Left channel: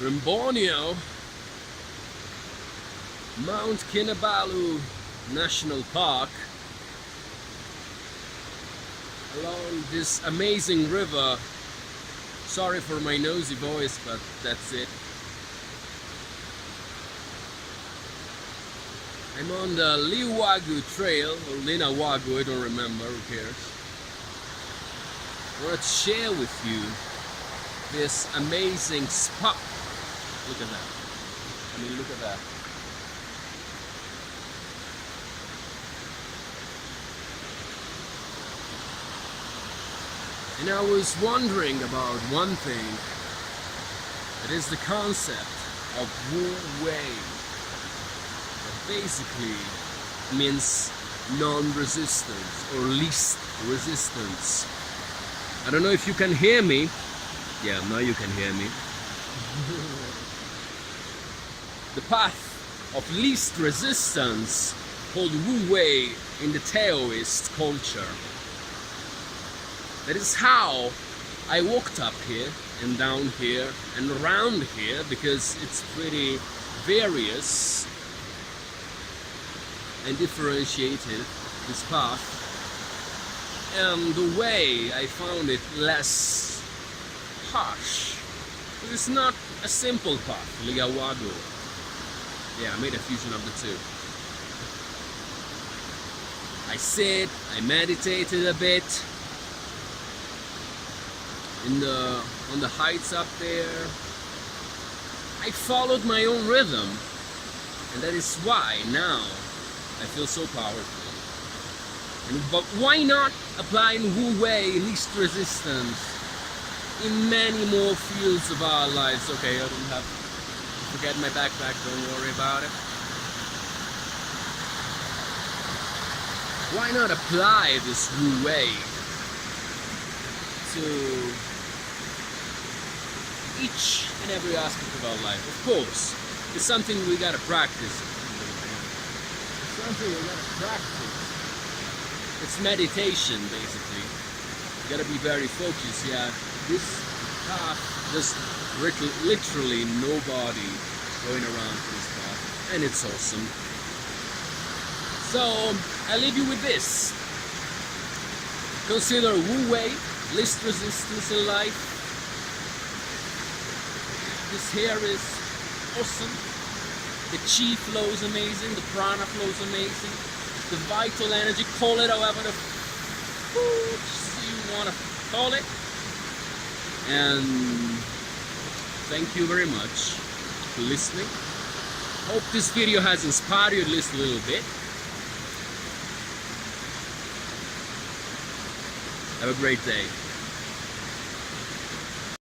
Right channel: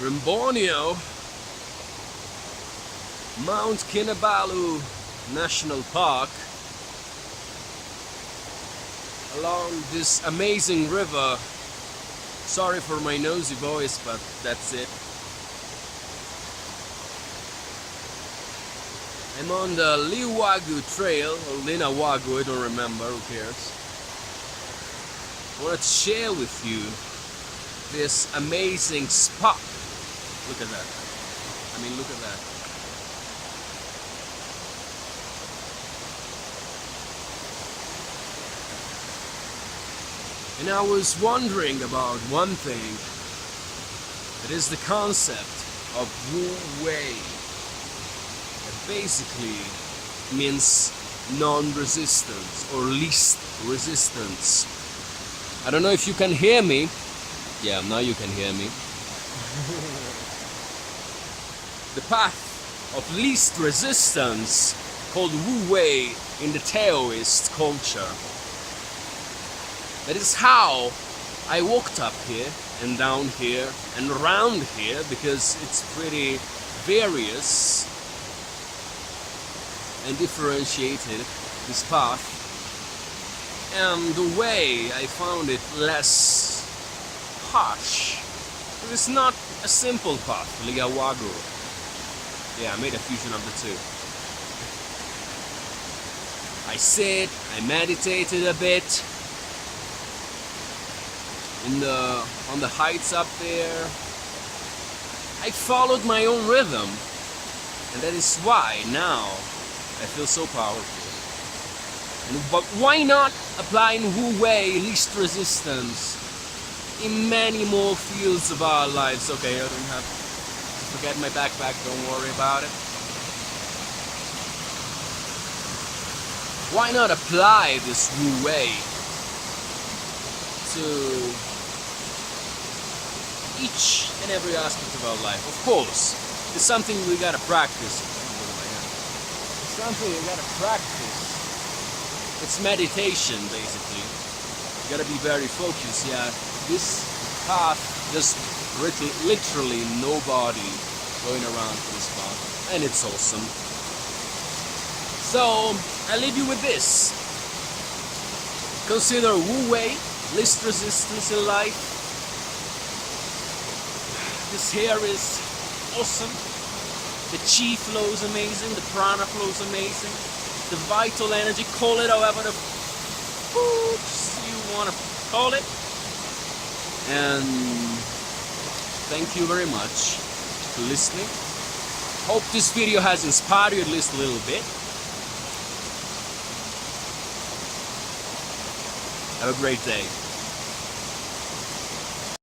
We're in Borneo, Mount Kinabalu National Park, along this amazing river. Sorry for my nosy voice, but that's it. I'm on the Liwagu Trail, or Linawagu, I don't remember, who cares. I wanted to share with you this amazing spot. Look at that. I mean, look at that. And I was wondering about one thing. It is the concept of Wu Wei. That basically means non-resistance or least resistance. I don't know if you can hear me. Yeah, now you can hear me. The path of least resistance, called Wu Wei in the Taoist culture. That is how I walked up here and down here and around here, because it's pretty various and differentiated, this path. And the way I found it less harsh. It's not a simple path, Ligawagu. Yeah, I made a fusion of the two. I sit, I meditated a bit on the heights up there. I followed my own rhythm, and that is why now I feel so powerful. But why not apply in Wu Wei, least resistance, in many more fields of our lives? Okay, I don't have to forget my backpack, don't worry about it. Why not apply this Wu Wei to each and every aspect of our life? Of course, it's something we gotta practice. It's something we gotta practice. It's meditation, basically. You gotta be very focused. Yeah, this path, just literally nobody going around this path, and it's awesome. So I leave you with this. Consider Wu Wei, least resistance in life. This hair is awesome. The chi flow is amazing. The prana flow is amazing. The vital energy, call it however you want to call it. And thank you very much for listening. Hope this video has inspired you at least a little bit. Have a great day.